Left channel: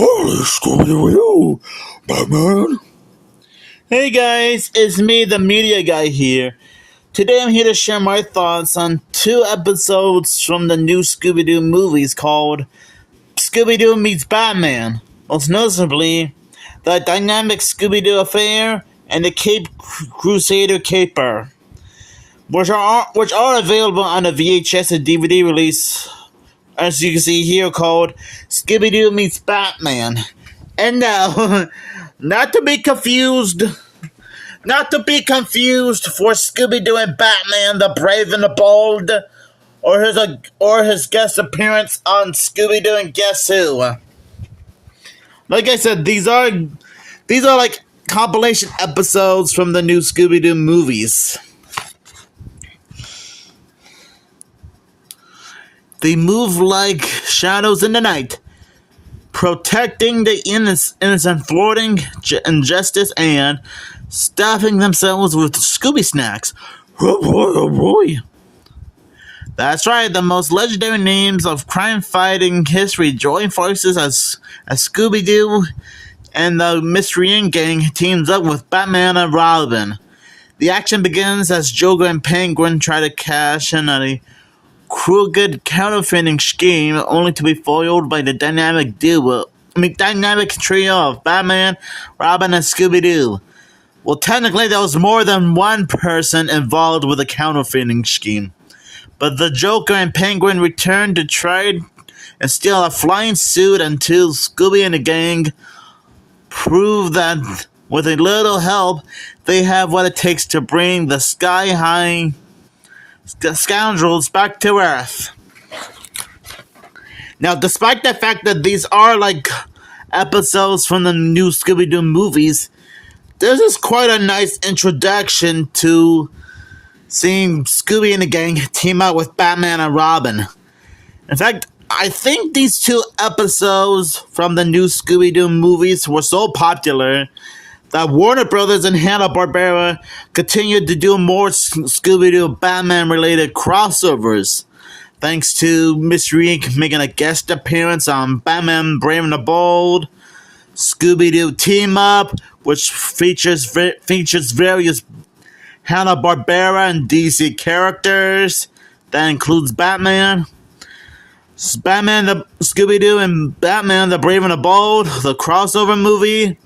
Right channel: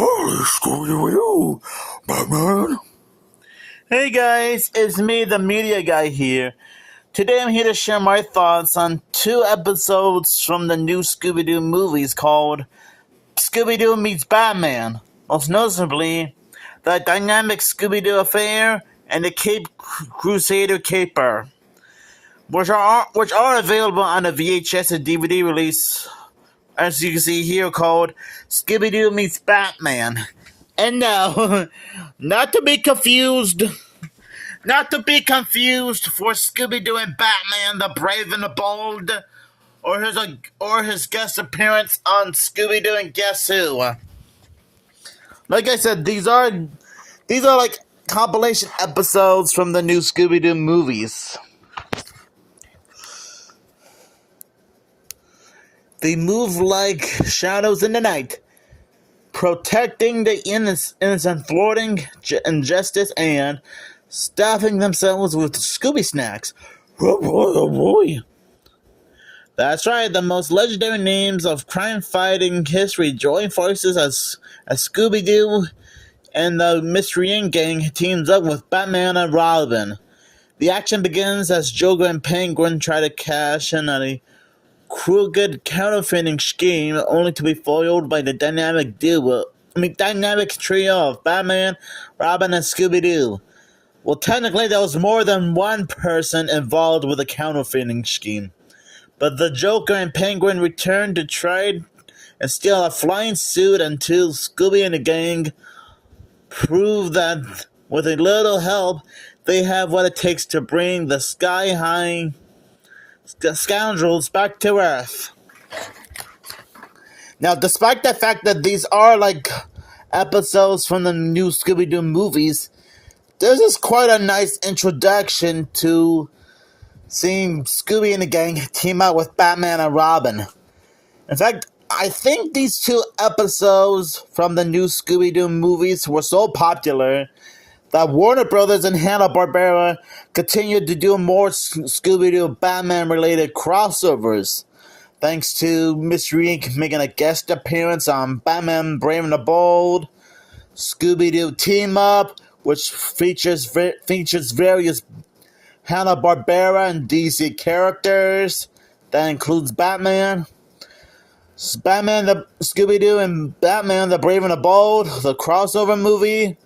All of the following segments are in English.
Holy Scooby-Doo, Batman. Hey guys, it's me, the media guy here. Today I'm here to share my thoughts on two episodes from the new Scooby-Doo movies called Scooby-Doo Meets Batman. Most noticeably, the dynamic Scooby-Doo affair and the Cape Crusader Caper, which are available on a VHS and DVD release, as you can see here, called Scooby-Doo Meets Batman. And now, not to be confused for Scooby-Doo and Batman, the Brave and the Bold, or his guest appearance on Scooby-Doo and Guess Who. Like I said, these are like compilation episodes from the new Scooby-Doo movies. They move like shadows in the night, protecting the innocent, thwarting injustice, and stuffing themselves with Scooby snacks. Oh boy. That's right, the most legendary names of crime-fighting history join forces as Scooby-Doo and the Mystery Inc. gang teams up with Batman and Robin. The action begins as Joker and Penguin try to cash in on a crooked counterfeiting scheme, only to be foiled by the dynamic trio of Batman, Robin, and Scooby-Doo. Well, technically, there was more than one person involved with the counterfeiting scheme, but the Joker and Penguin return to try and steal a flying suit until Scooby and the gang prove that with a little help, they have what it takes to bring the sky-high scoundrels back to Earth. Now, despite the fact that these are like episodes from the new Scooby-Doo movies, this is quite a nice introduction to seeing Scooby and the gang team up with Batman and Robin. In fact, I think these two episodes from the new Scooby-Doo movies were so popular that Warner Brothers and Hanna-Barbera continued to do more Scooby-Doo Batman-related crossovers, thanks to Mystery Inc. making a guest appearance on Batman Brave and the Bold, Scooby-Doo Team Up, which features various Hanna-Barbera and DC characters. That includes Batman, Scooby-Doo and Batman the Brave and the Bold, the crossover movie,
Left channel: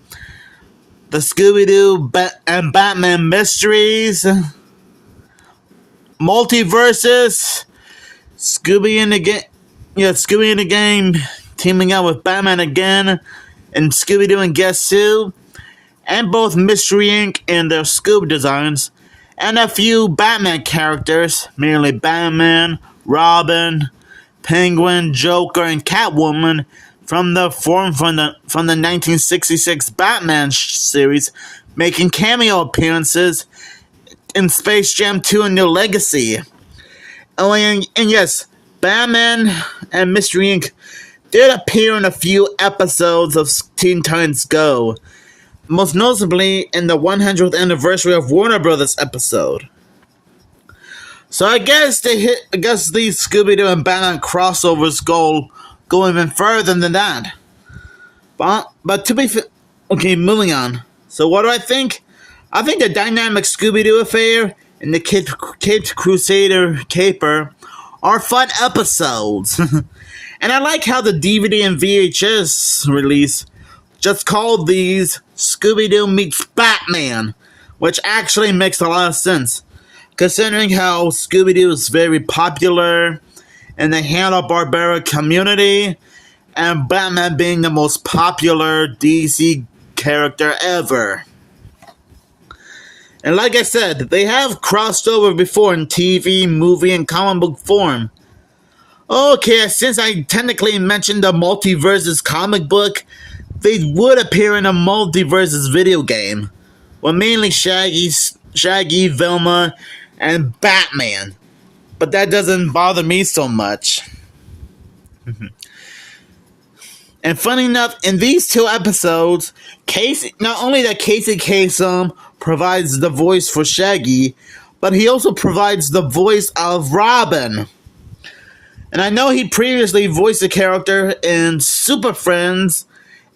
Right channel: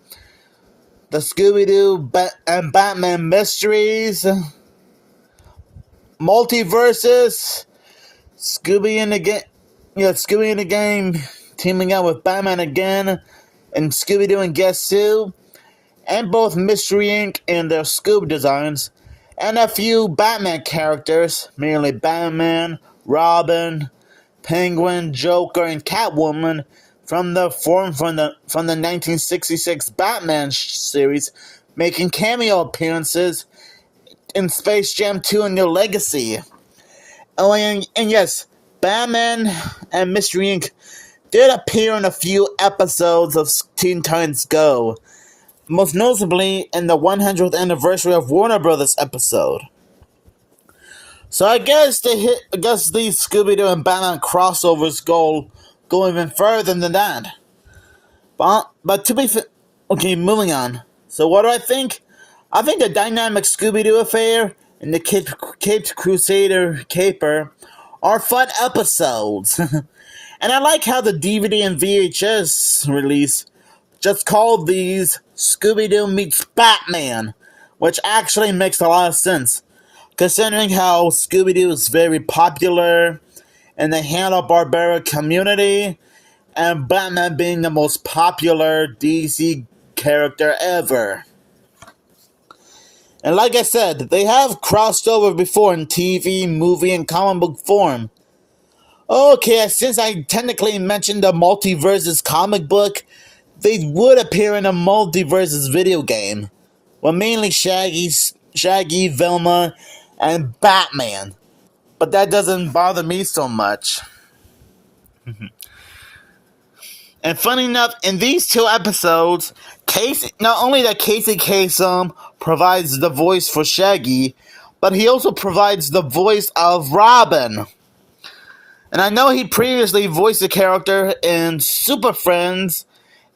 the Scooby-Doo and Batman Mysteries, Multiverses, Scooby and the Game teaming up with Batman again, and Scooby-Doo and Guess Who, and both Mystery Inc. and their Scoob designs, and a few Batman characters, mainly Batman, Robin, Penguin, Joker, and Catwoman, from the 1966 Batman series, making cameo appearances in Space Jam 2: A New Legacy. And yes, Batman and Mystery Inc. did appear in a few episodes of Teen Titans Go, most notably in the 100th anniversary of Warner Brothers episode. So I guess these Scooby-Doo and Batman crossovers go even further than that. But to be okay, moving on. So what do I think? I think the dynamic Scooby-Doo affair and the Cape Crusader Caper are fun episodes. And I like how the DVD and VHS release just called these Scooby-Doo Meets Batman, which actually makes a lot of sense, considering how Scooby-Doo is very popular in the Hanna-Barbera community, and Batman being the most popular DC character ever. And like I said, they have crossed over before in TV, movie, and comic book form. Okay, since I technically mentioned the Multiverses comic book, they would appear in a Multiverses video game, with mainly Shaggy, Velma, and Batman. But that doesn't bother me so much. And funny enough, in these two episodes, not only that Casey Kasem provides the voice for Shaggy, but he also provides the voice of Robin. And I know he previously voiced a character in Super Friends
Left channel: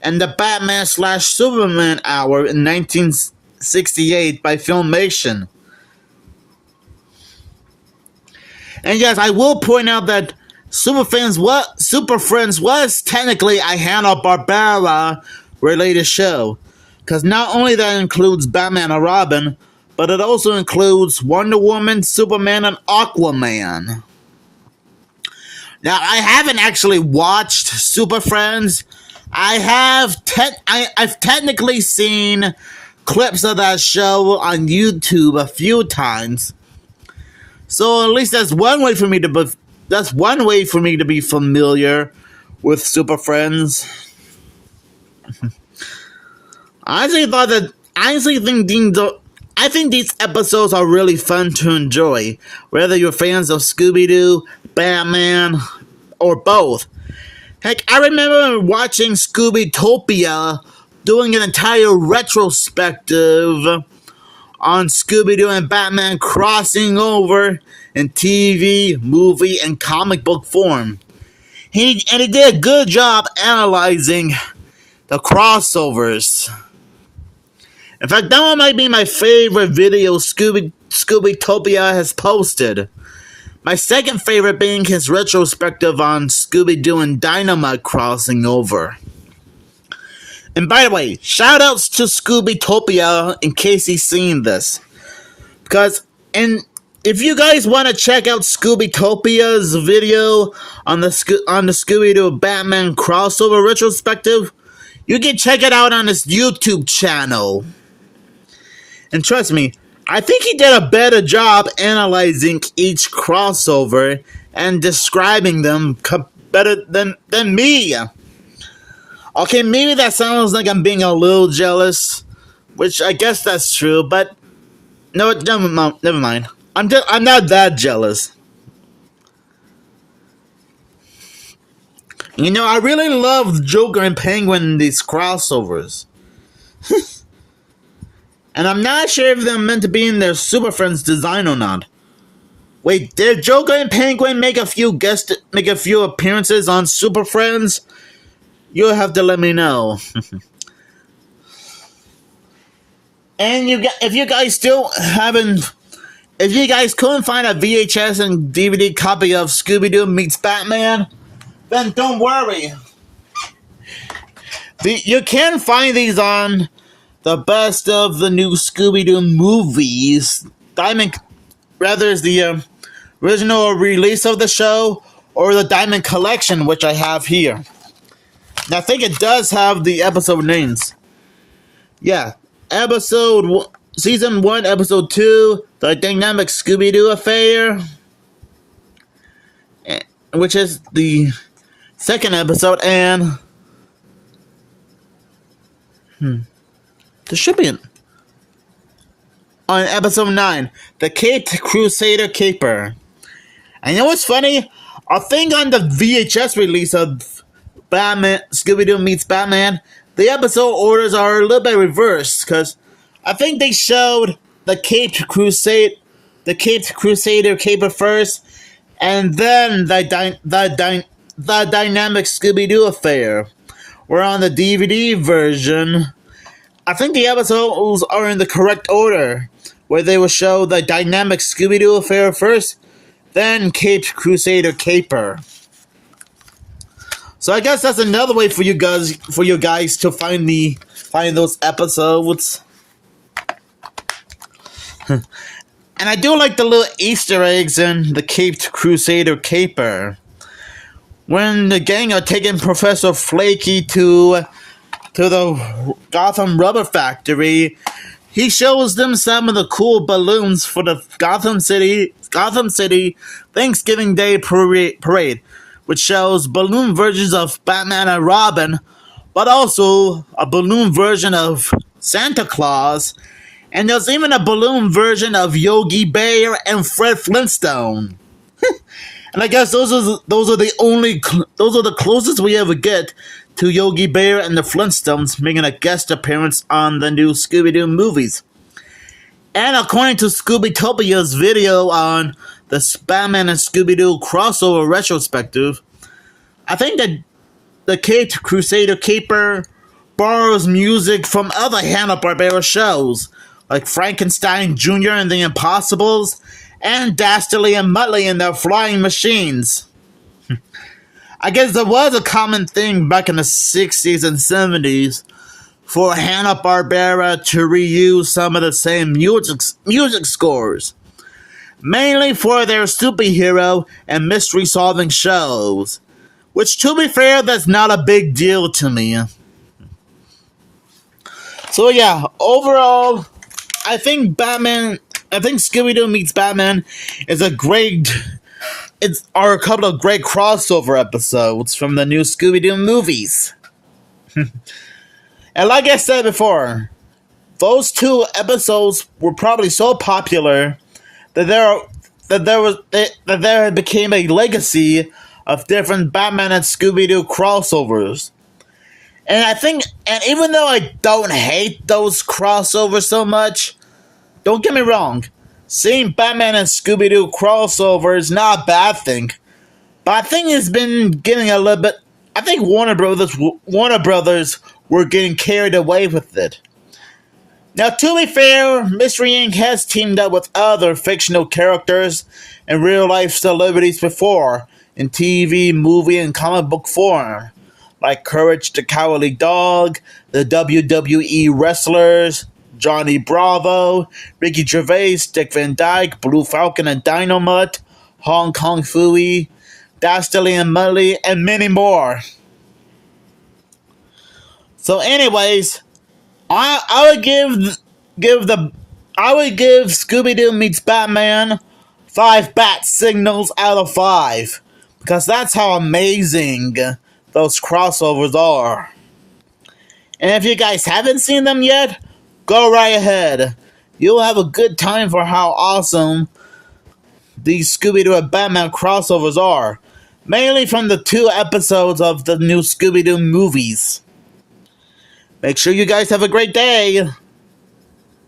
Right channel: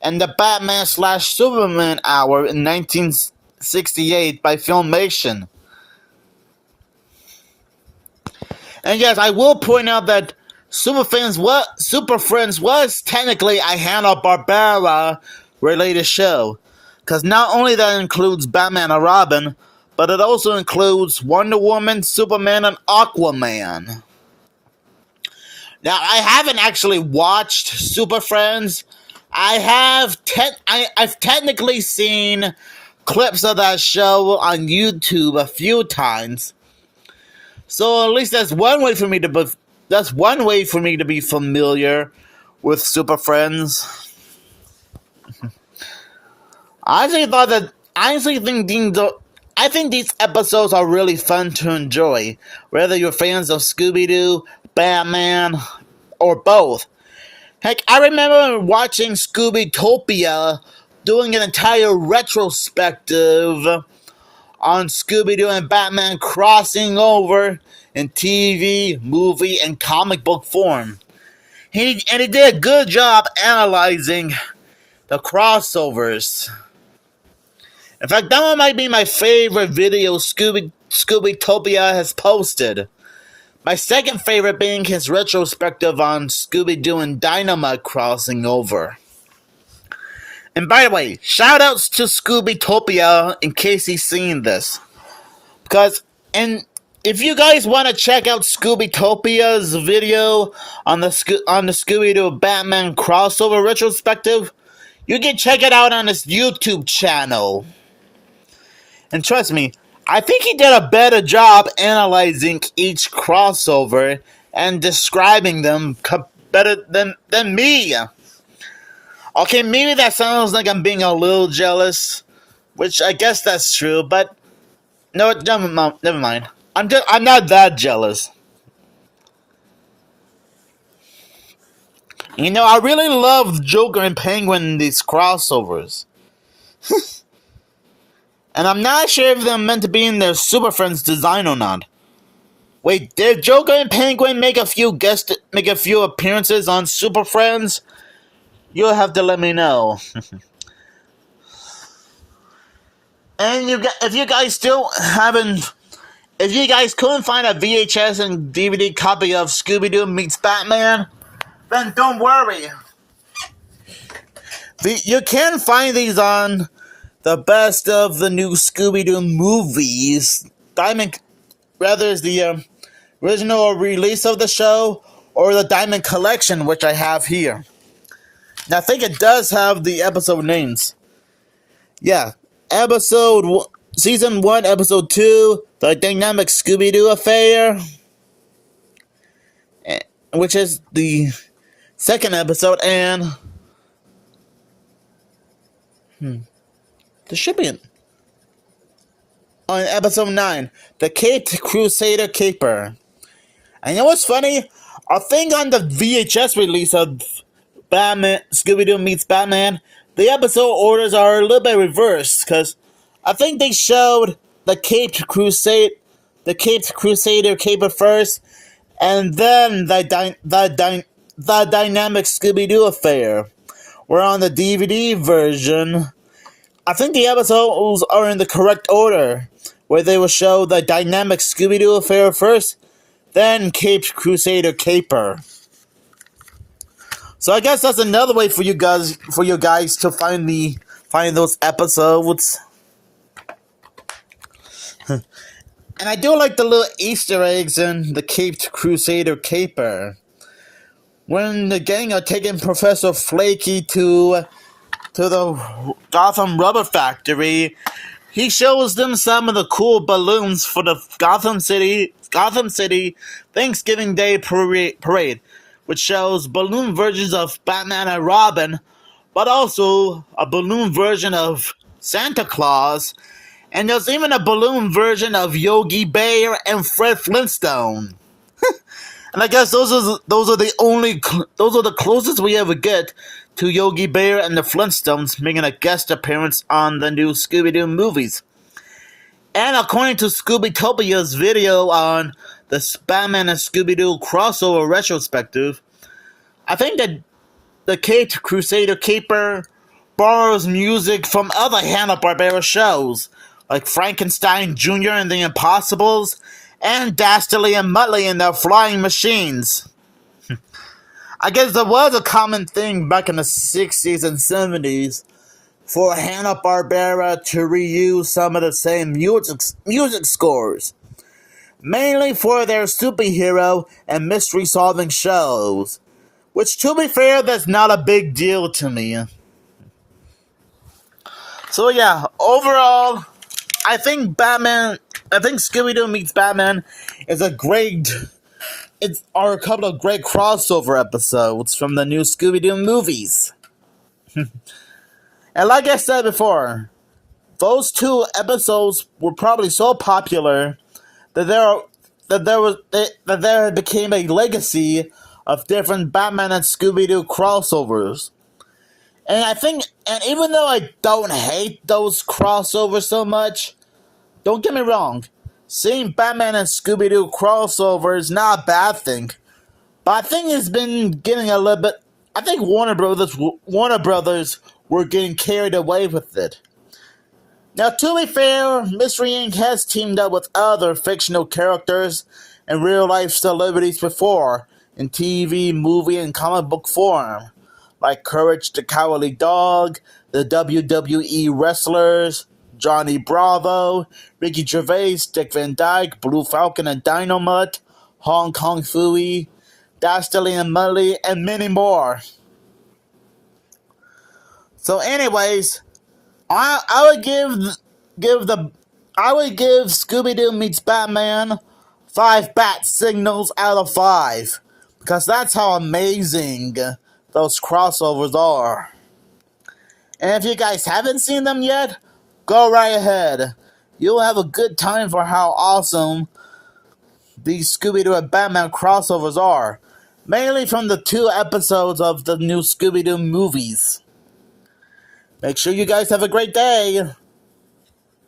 and the Batman/Superman Hour in 1968 by Filmation. And yes, I will point out that Super Friends was technically a Hanna-Barbera related show, because not only that includes Batman and Robin, but it also includes Wonder Woman, Superman, and Aquaman. Now, I haven't actually watched Super Friends. I've technically seen clips of that show on YouTube a few times. So at least that's one way for me to be familiar with Super Friends. I think these episodes are really fun to enjoy, whether you're fans of Scooby-Doo, Batman, or both. Heck, I remember watching Scooby-Topia doing an entire retrospective on Scooby-Doo and Batman crossing over in TV, movie, and comic book form. He did a good job analyzing the crossovers. In fact, that one might be my favorite video Scooby-Topia has posted. My second favorite being his retrospective on Scooby-Doo and Dynamite crossing over. And by the way, shoutouts to Scooby-Topia in case he's seen this. If you guys want to check out Scooby-Topia's video on the Scooby-Doo Batman crossover retrospective, you can check it out on his YouTube channel. And trust me, I think he did a better job analyzing each crossover and describing them better than me. Okay, maybe that sounds like I'm being a little jealous, which I guess that's true, but no, never mind. I'm not that jealous. You know, I really love Joker and Penguin in these crossovers. And I'm not sure if they're meant to be in their Super Friends design or not. Wait, did Joker and Penguin make a few appearances on Super Friends? You'll have to let me know. And if you guys couldn't find a VHS and DVD copy of Scooby-Doo Meets Batman, then don't worry. You can find these on the Best of the New Scooby-Doo Movies. Whether it's the original release of the show or the Diamond Collection, which I have here. Now, I think it does have the episode names. Yeah, Season 1, Episode 2, The Dynamic Scooby-Doo Affair, which is the second episode, and there should be on Episode 9, The Caped Crusader Caper. And you know what's funny? I think on the VHS release of Batman, Scooby-Doo Meets Batman, the episode orders are a little bit reversed, because I think they showed the Caped Crusader Caper first, and then the Dynamic Scooby-Doo Affair. Where on the DVD version, I think the episodes are in the correct order, where they will show the Dynamic Scooby-Doo Affair first, then Caped Crusader Caper. So I guess that's another way for you guys to find those episodes. And I do like the little Easter eggs in the Caped Crusader Caper. When the gang are taking Professor Flaky to the Gotham Rubber Factory, he shows them some of the cool balloons for the Gotham City Thanksgiving Day Parade, which shows balloon versions of Batman and Robin, but also a balloon version of Santa Claus, and there's even a balloon version of Yogi Bear and Fred Flintstone. And I guess those are the closest we ever get to Yogi Bear and the Flintstones making a guest appearance on the new Scooby-Doo movies. And according to Scooby-Topia's video on the Batman and Scooby-Doo crossover retrospective, I think that the Caped Crusader Caper borrows music from other Hanna-Barbera shows, like Frankenstein Jr. and the Impossibles, and Dastardly and Muttley and their flying machines. I guess there was a common thing back in the 60s and 70s for Hanna-Barbera to reuse some of the same music scores, mainly for their superhero and mystery-solving shows, which, to be fair, that's not a big deal to me. So yeah, overall, I think Scooby-Doo Meets Batman is a couple of great crossover episodes from the new Scooby-Doo movies. And like I said before, those two episodes were probably so popular that there became a legacy of different Batman and Scooby-Doo crossovers. And even though I don't hate those crossovers so much, don't get me wrong, seeing Batman and Scooby-Doo crossover is not a bad thing. But I think it's been getting a little bit. I think Warner Brothers were getting carried away with it. Now, to be fair, Mystery Inc. has teamed up with other fictional characters and real-life celebrities before, in TV, movie, and comic book form, like Courage the Cowardly Dog, the WWE wrestlers, Johnny Bravo, Ricky Gervais, Dick Van Dyke, Blue Falcon and Dynamite, Hong Kong Phooey, Dastardly and Muttley, and many more. So anyways, I would give Scooby-Doo Meets Batman 5 bat signals out of 5, because that's how amazing those crossovers are. And if you guys haven't seen them yet, go right ahead. You'll have a good time for how awesome these Scooby-Doo and Batman crossovers are, mainly from the 2 episodes of the new Scooby-Doo movies. Make sure you guys have a great day.